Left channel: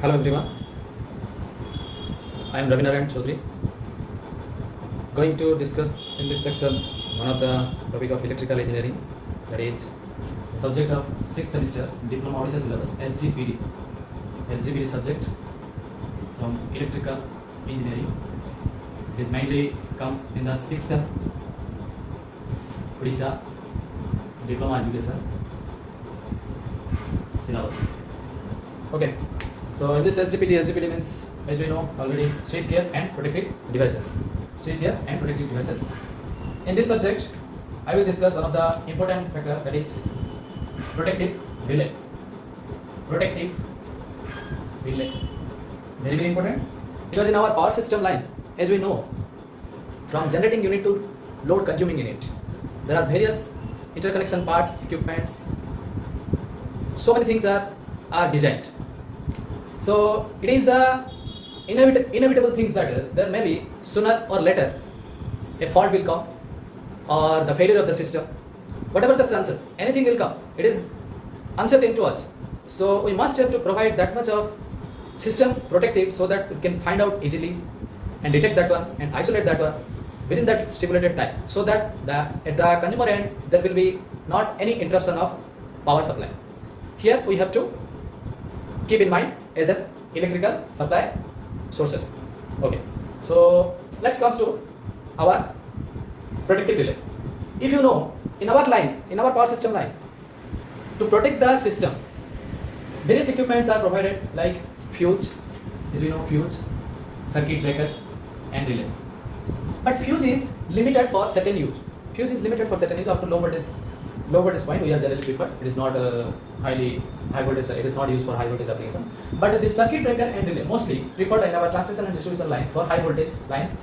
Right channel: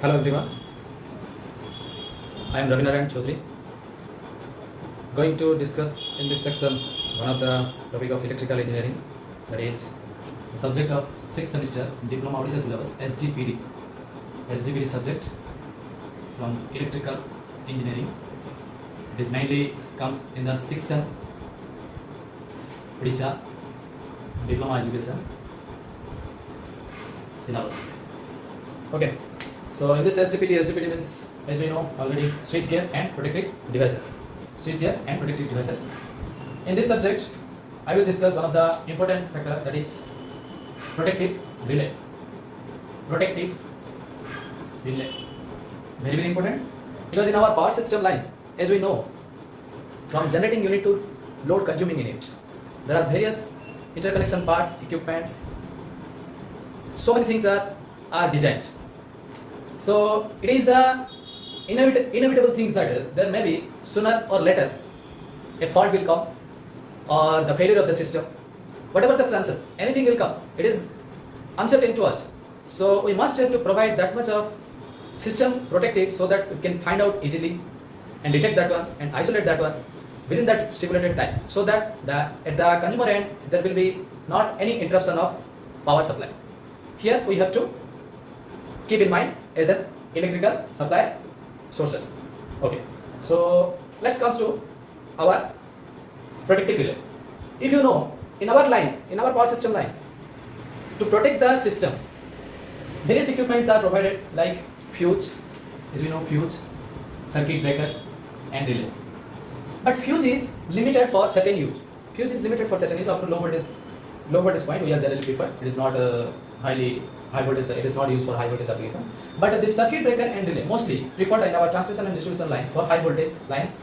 Hello everyone, I am Ravi Narayan Chaudhary, going to discuss in this section one of the topic of electrical engineering, that is the subject of 6th semester diploma audition syllabus SGPD. SGPD subject from electrical engineering. This mainly comes in the 6th Odisha diploma education syllabus. Okay. So in this SGPD means, as we know already, switch gear and protective devices. Switch gear and protective devices. In this subject, I will discuss one of the important factor, that is protective relay. Protective relay. Very very important, because in our power system line, as we know, from generating unit to load consuming unit, there are various interconnection parts, equipments. So many things are designed. So it is the inevitable things that there may be sooner or later a fault will come, or the failure of the system. Whatever the chances, anything will come. It is uncertain to us. So we must have to provide that much of system protective so that we can find out easily and detect that one and isolate that one within that stipulated time, so that at the consumer end there will be not any interruption of power supply. Here we have to keep in mind as an electrical supply sources. Okay, so let's come to our protective relay. If you know, in our line, in our power system line, to protect the system, various equipments are provided like fuse, as you know, fuse, circuit breakers and relays. But fuse is limited for certain use. Fuse is limited for certain use up to low voltage point. We are generally preferred. It is not high voltage. It is not used for high voltage application. But this circuit breaker and relay mostly preferred in our transmission and distribution line for high voltage lines.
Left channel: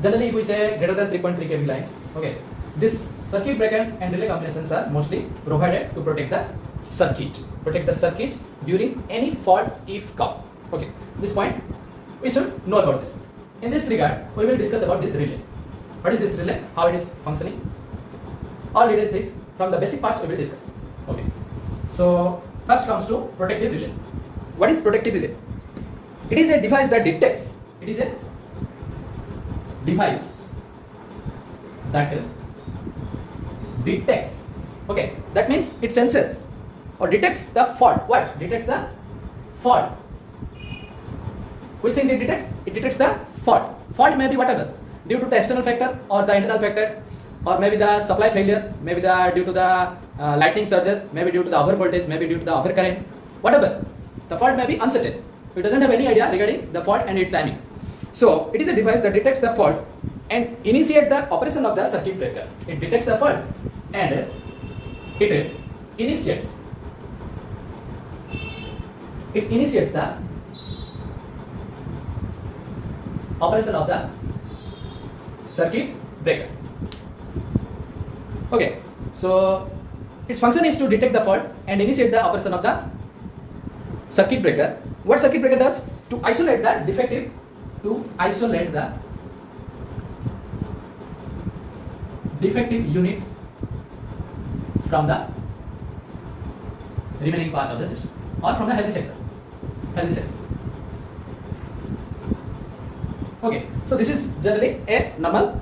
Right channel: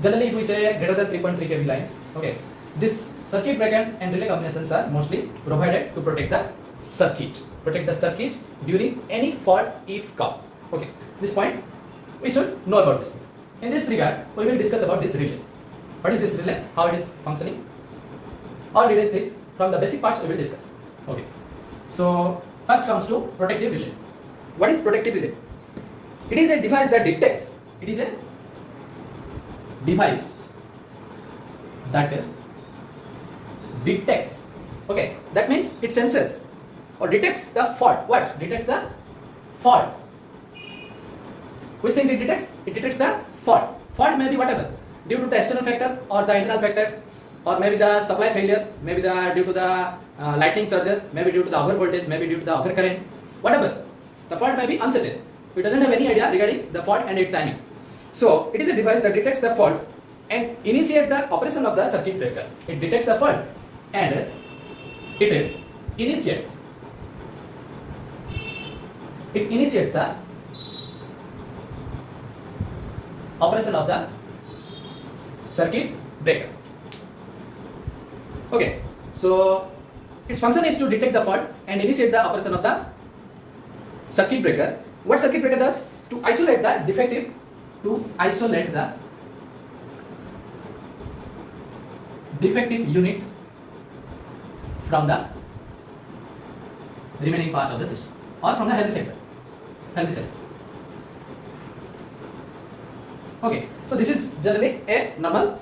Generally, if we say greater than 3.3 kV lines, okay, this circuit breaker and relay combinations are mostly provided to protect the circuit during any fault if come. Okay, this point we should know about this. In this regard, we will discuss about this relay. What is this relay? How it is functioning? All various things from the basic parts we will discuss. Okay. So first comes to protective relay. What is protective relay? It is a device that detects. It is a device that detects. Okay, that means it senses or detects the fault. What? Detects the fault. Which things it detects? It detects the fault. Fault may be whatever, due to the external factor or the internal factor, or maybe the supply failure, maybe due to the lightning surges, maybe due to the over voltage, maybe due to the over current, whatever. The fault may be uncertain. It doesn't have any idea regarding the fault and its timing. So it is a device that detects the fault and initiates the operation of the circuit breaker. It detects the fault and it initiates the operation of the circuit breaker. Okay, so its function is to detect the fault and initiate the operation of the circuit breaker. What circuit breaker does? To isolate the defective, unit from the remaining part of the system, or from the healthy section. Okay, so this is generally a normal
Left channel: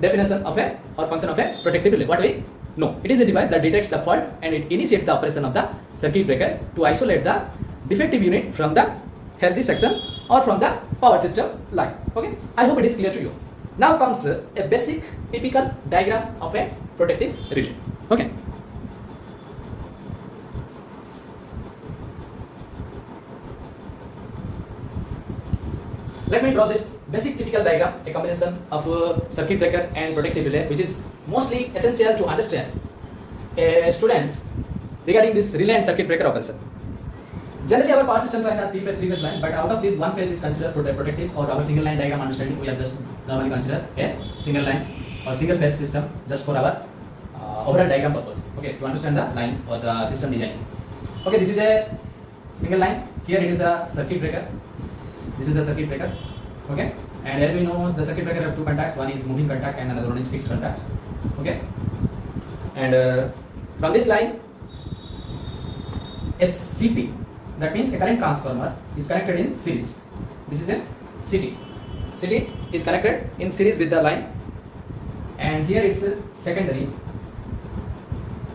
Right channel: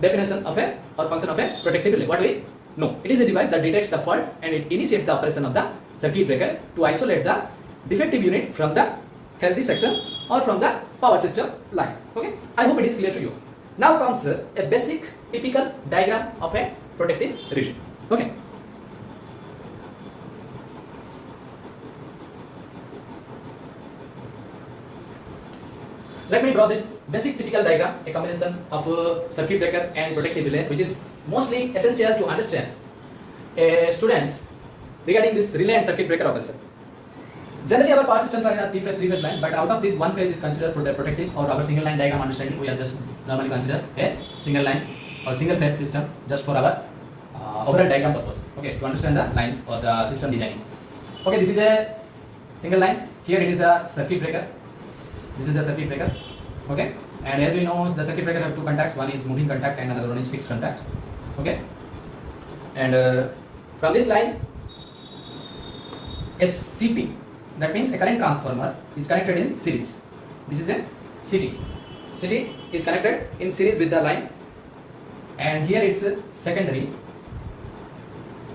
definition of a or function of a protective relay. What we know, it is a device that detects the fault and it initiates the operation of the circuit breaker to isolate the defective unit from the healthy section or from the power system line. Okay, I hope it is clear to you. Now comes a basic typical diagram of a protective relay. Okay. Let me draw this basic typical diagram, a combination of circuit breaker and protective relay, which is mostly essential to understand students regarding this relay and circuit breaker operation. Generally, our power system line are three-phase line, but out of this, one phase is considered for the protective, or our single line diagram understanding. We are just normally consider a single line or single phase system just for our overall diagram purpose. Okay, to understand the line or the system design. Okay, this is a single line. Here it is the circuit breaker. This is the circuit breaker. Okay, and as we know, the circuit breaker have two contacts. One is moving contact and another one is fixed contact. Okay, and from this line, a CP That means a current transformer is connected in series. This is a CT. CT is connected in series with the line, and here it's a secondary.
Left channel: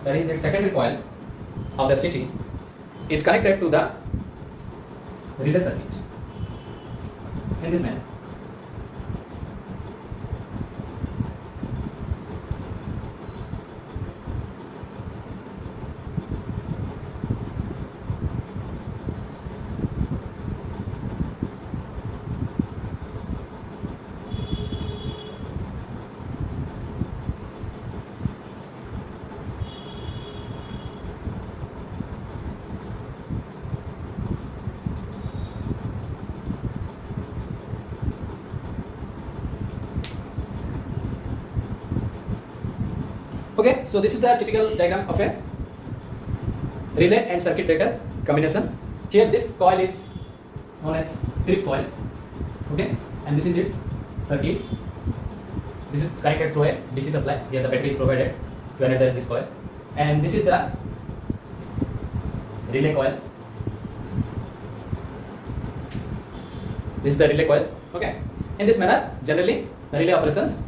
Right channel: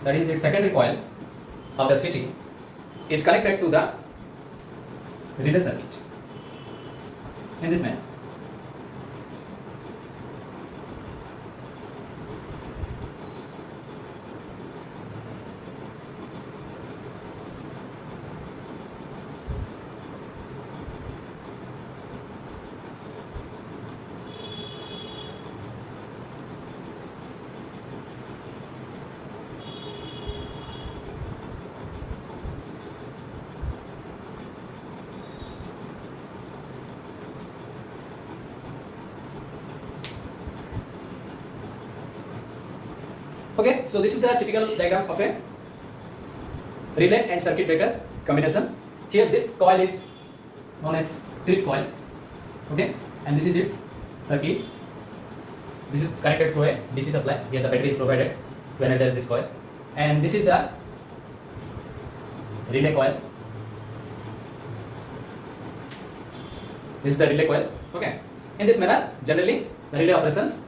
That is, its secondary coil of the CT is connected to the relay circuit in this manner. Okay, so this is the typical diagram of a relay and circuit breaker combination. Here this coil is known as trip coil, okay, and this is its circuit. This is connected through a DC supply. Here the battery is provided to energize this coil, and this is the relay coil. This is the relay coil, okay. In this manner, generally the relay operations,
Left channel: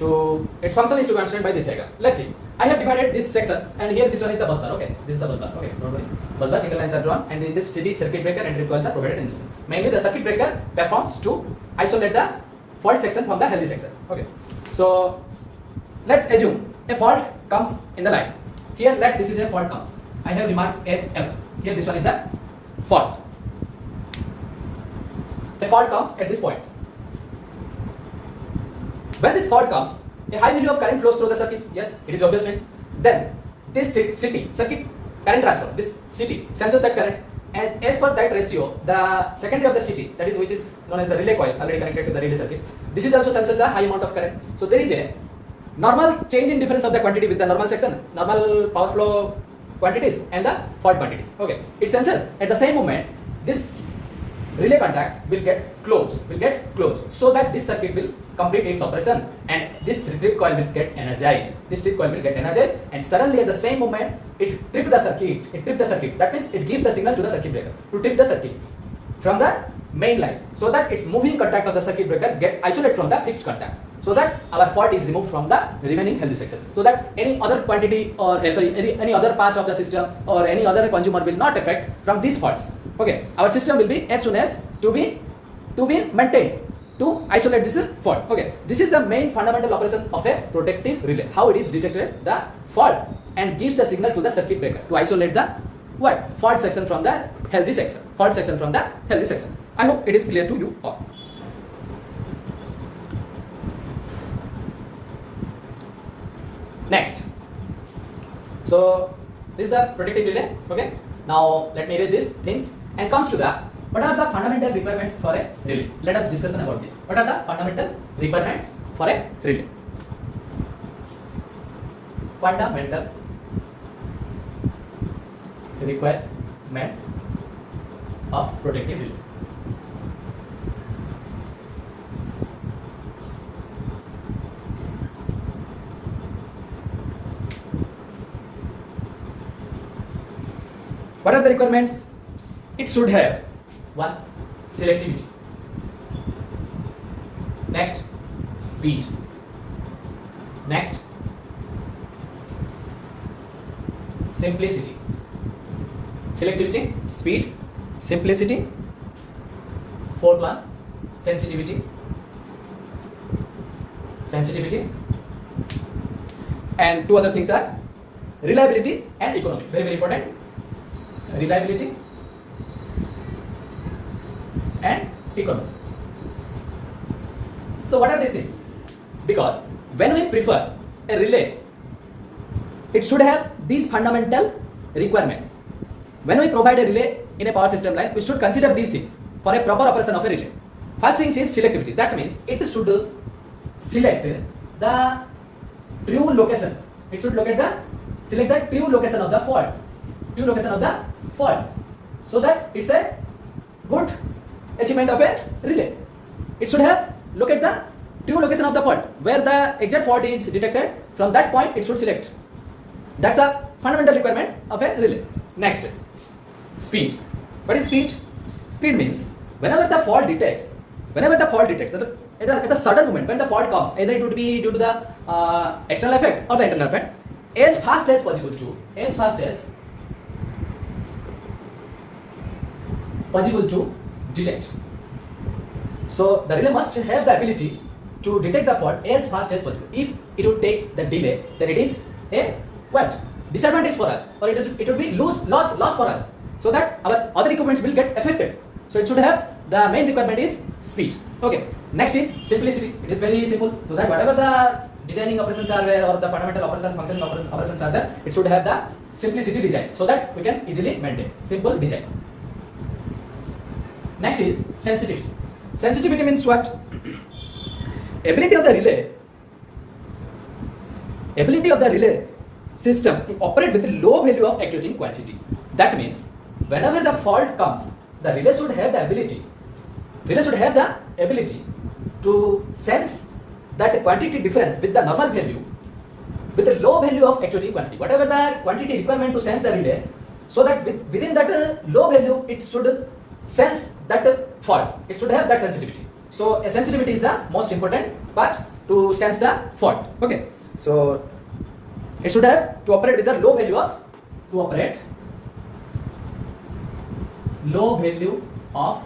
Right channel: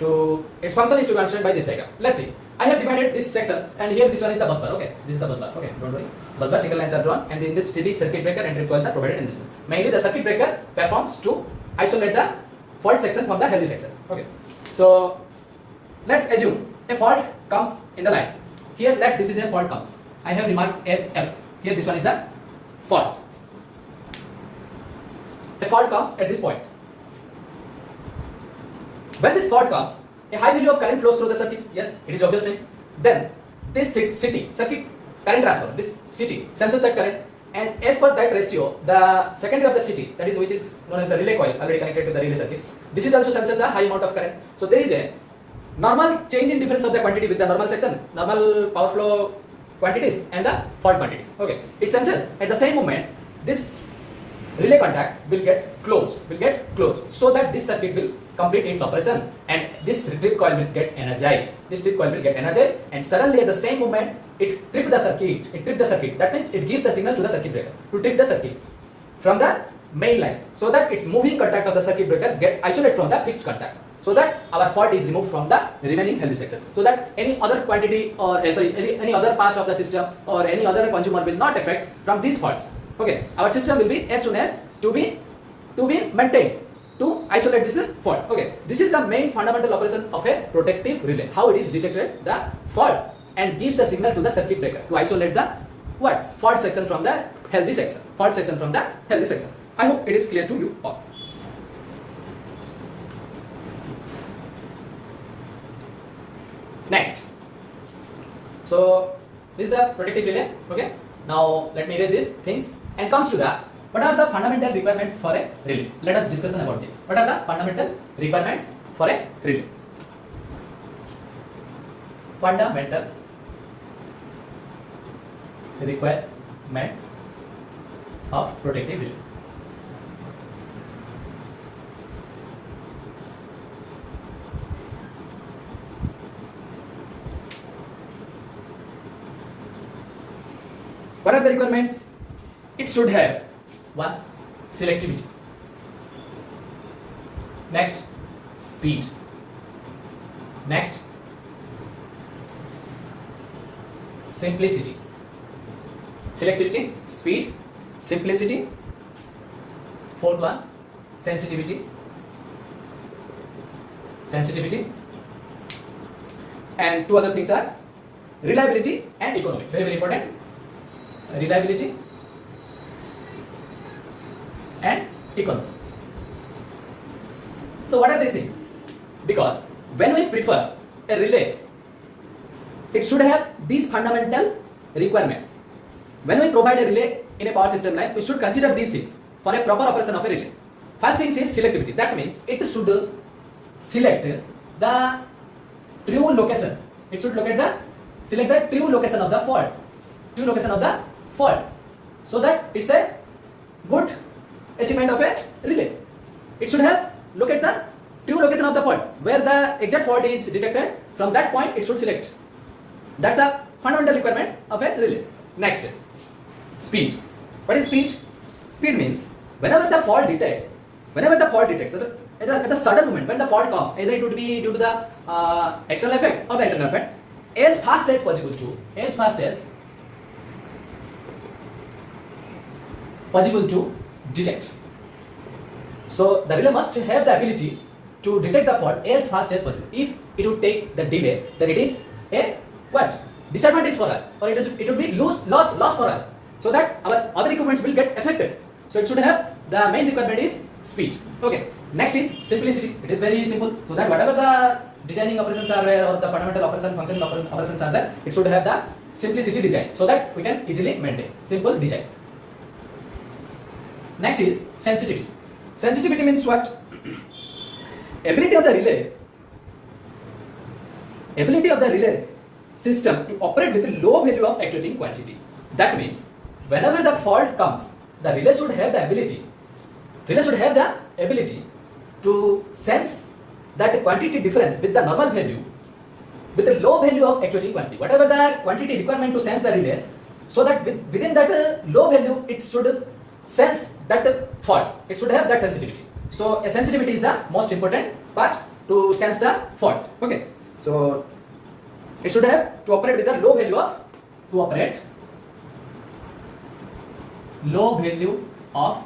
to its function is to be understood by this diagram. Let's see. I have divided this section, and here this one is the bus bar. Okay, this is the bus bar. Okay, don't worry. Bus bar single lines are drawn, and in this CT, circuit breaker and trip coils are provided in this one. Mainly the circuit breaker performs to isolate the fault section from the healthy section. Okay, so let's assume a fault comes in the line. Here, let this is a fault comes. I have remarked HF. Here, this one is the fault. A fault comes at this point. When this fault comes, a high value of current flows through the circuit. Yes, it is obvious. Then this circuit current transformer, this CT senses that current, and as per that ratio, the secondary of the CT, that is which is known as the relay coil, already connected to the relay circuit, this is also senses a high amount of current. So there is a normal change in difference of the quantity with the normal section, normal power flow quantities and the fault quantities. Okay, it senses at the same moment this relay contact will get closed, so that this circuit will complete its operation, and this trip coil will get energized. And suddenly at the same moment it tripped the circuit. That means it gives the signal to the circuit breaker to trip the circuit from the main line, so that its moving contact of the circuit breaker get isolated from the fixed contact, so that our fault is removed from the remaining healthy section, so that any other quantity or any other part of the system or any other consumer will not affect from these faults. Okay, our system will be as soon as to be maintained to isolate this fault. Okay, this is the main fundamental operation of a protective relay. How it is detected the fault and gives the signal to the circuit breaker to isolate the fault section from the healthy section. I hope it is clear to you all. Next, so this is the protective relay. Okay, now let me erase these things and comes to the what are the fundamental requirements for a relay. Let us discuss about this. What are the fundamental requirements for a relay? Fundamental requirement of protective relay. What are the requirements? It should have 1. Selectivity. Next, speed. Next, simplicity. Selectivity, speed, simplicity. 4th one, sensitivity. And 2 other things are reliability and economy. Very, very important. Reliability and economy. So what are these things? Because when we prefer a relay, it should have these fundamental requirements. When we provide a relay in a power system line, we should consider these things for a proper operation of a relay. First thing is selectivity. That means it should select the true location. It should select the true location of the fault. So that it's a good achievement of a relay. It should have look at the true location of the fault, where the exact fault is detected. From that point it should select. That's the fundamental requirement of a relay. Next, speed. What is speed? Speed means whenever the fault detects at the sudden moment when the fault comes, either it would be due to the external effect or the internal effect, as fast as possible to detect. So the relay must have the ability to detect the fault as fast as possible. If it would take the delay, then it is a what? Disadvantage for us, or it would be loss for us, so that our other equipments will get affected. So it should have, the main requirement is speed. Okay. Next is simplicity. It is very simple, so that whatever the designing operations are there, or the fundamental operations, functional operations are there, it should have the simplicity design, so that we can easily maintain simple design. Next is sensitivity. Sensitivity means what? Ability of the relay system to operate with a low value of actuating quantity. That means whenever the fault comes, the relay should have the ability to sense that quantity difference with the normal value, with a low value of actuating quantity, whatever the quantity requirement to sense the relay, so that within that low value it should sense that fault. It should have that sensitivity. So sensitivity is the most important part to sense the fault. Okay. So it should have to operate with a low value of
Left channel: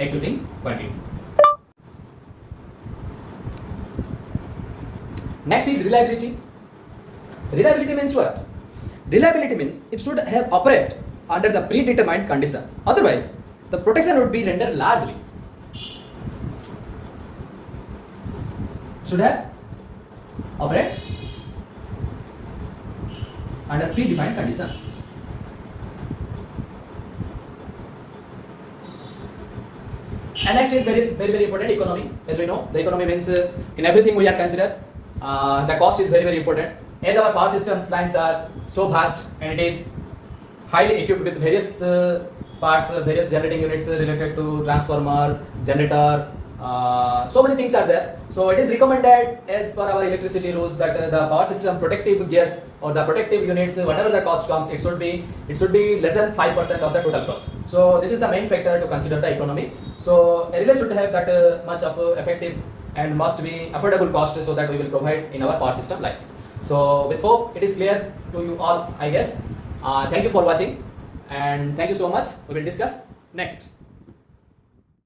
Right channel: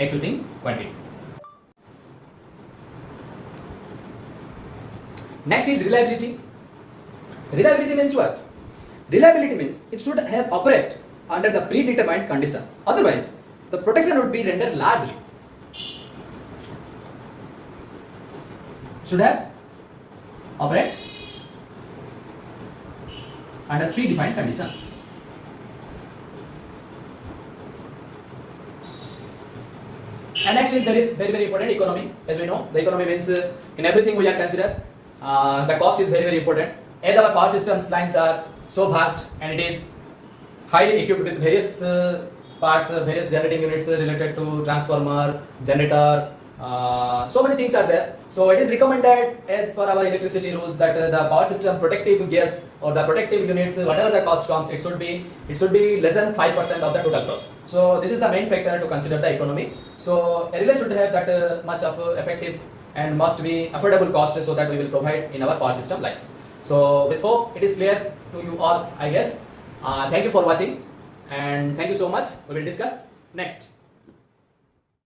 actuating quantity. Next is reliability. Reliability means what? Reliability means it should have operate under the predetermined condition. Otherwise, the protection would be rendered largely. Should have operate under predefined condition. And next is very important, economy. As we know, the economy means in everything we are considered, the cost is very important. As our power systems lines are so vast and it is highly equipped with various parts, various generating units related to transformer, generator, so many things are there. So it is recommended as per our electricity rules that the power system protective gears or the protective units, whatever the cost comes, it should be less than 5% of the total cost. So this is the main factor to consider the economy. So a relay should have that much of effective and must be affordable cost, so that we will provide in our power system lines. So with hope it is clear to you all, I guess. Thank you for watching and thank you so much. We will discuss next.